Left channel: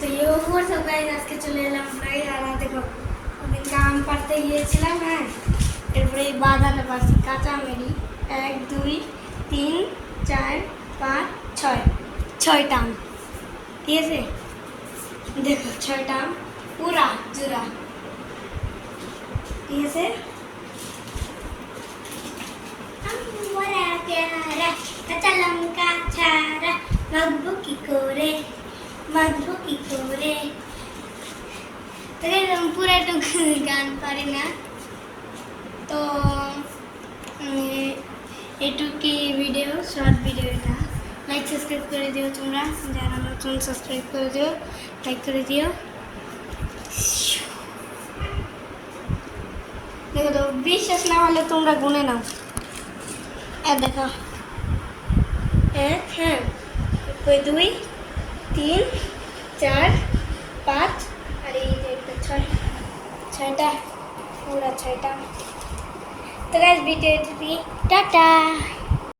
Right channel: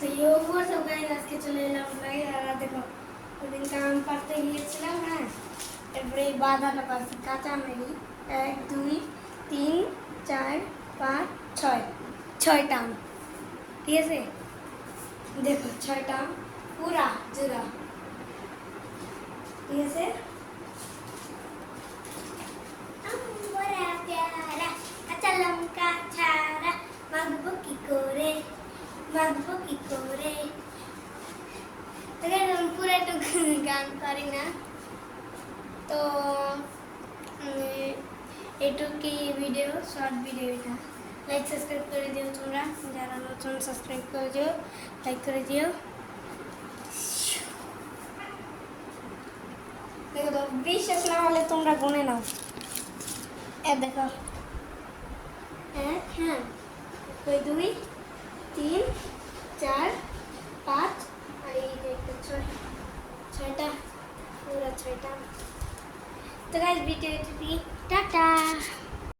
তো সব গাইজ আজকে চলে এলাম গাইজ। আর দেখো ওদিনকে আম পাড়তে গিয়েছিলাম, হ্যাঁ, এরপরে এই বাঁধাটা পাচ্ছি কাঁচা মেরি 1 2 3 4 5 6 ছয়টা আম, ঠিক আছে। দেখো 6টা আম পুরা জুড়া, ঠিক আছে। কাঁচা লঙ্কা ছাড়া মাখবো কি করে, মাখবো কি করে। পুরো একটু গান পারি না তো এটুকি ভিডিও, শর্ট ভিডিও। এটা লাইক সাবস্ক্রাইব করে দিও তোমরা, যারা নতুন সাবস্ক্রাইব করে দিও, লাইক করে দিও। দেখো তো বিশ্বাস না হলে তোমরা গুনে নাও। দেখো 1, হ্যাঁ, 2 3 4 5 আর এই যে একটা 6টা পুরা 6টা। তো গাইস ভিডিওটি টাটা।